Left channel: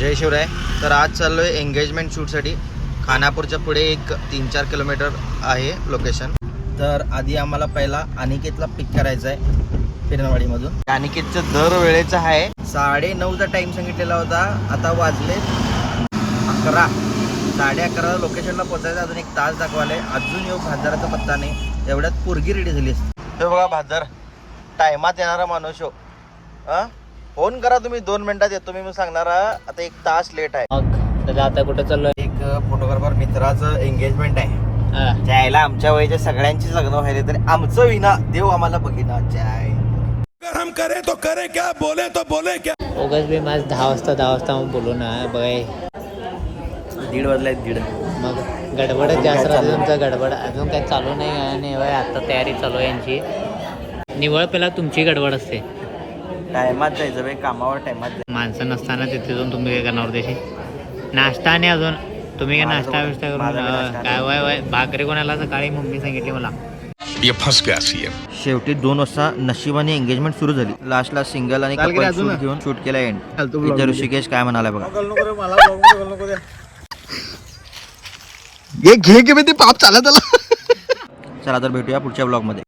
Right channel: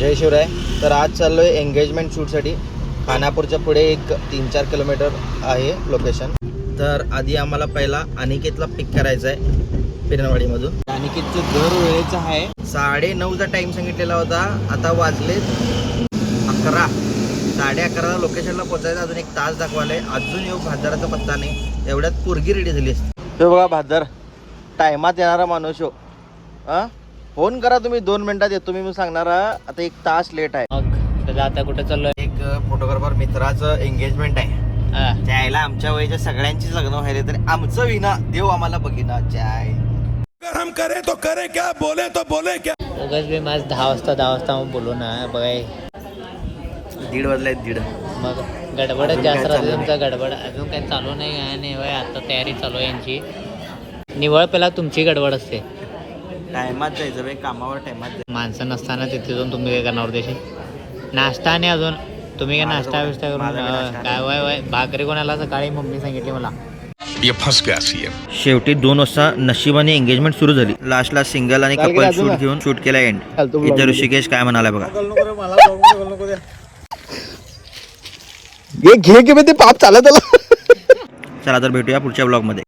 जय शिवराय. तर आज चाललो आहे एंगेजमेंट शूटसाठी. खानापूरच्या पुढे एक 3-4 किलोमीटर आहे लोकेशन. तर आधी आम्हाला पहिला अनिकेतला पिक करायचा आहे पिरणवाडीमधून. अनिकेतचं दर वेळेचं आहे. 9:30चा टाईम सांगितलेला होता, आता वाजले 11. 11:30 लोकेशनला पोहोचायचं. अजून 1 तास दाखवाले. अजून येऊ भाजदाराचा पत्ता नाही. तेवढ्यात पोरगी रेडी झाली असते. तो बघा भाजदार टायमात येणारा माणूस हो. हां फोन करा तुम्ही, 2 मिनिटात येतो मी सांगणार. आता 1 तास लेट आहे. मग आता कुठे चाललोय? एक फोटोग्राफर मित्राचं एंगेजमेंट आहे. त्याला आमच्या वयाच्या सगळ्यांचीच लग्न व्हायला, तर आमचं विना देव आम्हाला बघिना. हम करे तो करे क्या, बोले तो बोले क्या. ओगस बी माझ 10 वाजता मग बोलू ना. बघाय 1:30 वाजले. 1:30 मग गडबडच जास्त राहते चालू तुमचा. गडबड अजून काय चालू नाही वय. आता तयारी चालू आहे यांची. निवळ पहिला तुमची गडबड असते. टायमात जायचं बाई, कामावर टायमात जायचं. माणसं नसताना तिथे जाऊन तुम्ही काय करणार देशी नाश्ता. आणि अजून तुम्ही काय नाश्ता बिष्टा करून काय वय भाकरी कोणाला सकाळी मम्मी सांगितली मला. ये फंस गया सीएम. शेवटी 2 वाजता नशिबाने एंगेजमेंट सुरू झाली. लास्टला सिंगल आणि कपल शूट घेऊन शूट केला एंड. इथं ऋषिकेश काय म्हणाला बघा. घे घे ते पाप चालत आला. चला तर भेटूया पुढच्या ब्लॉग मध्ये.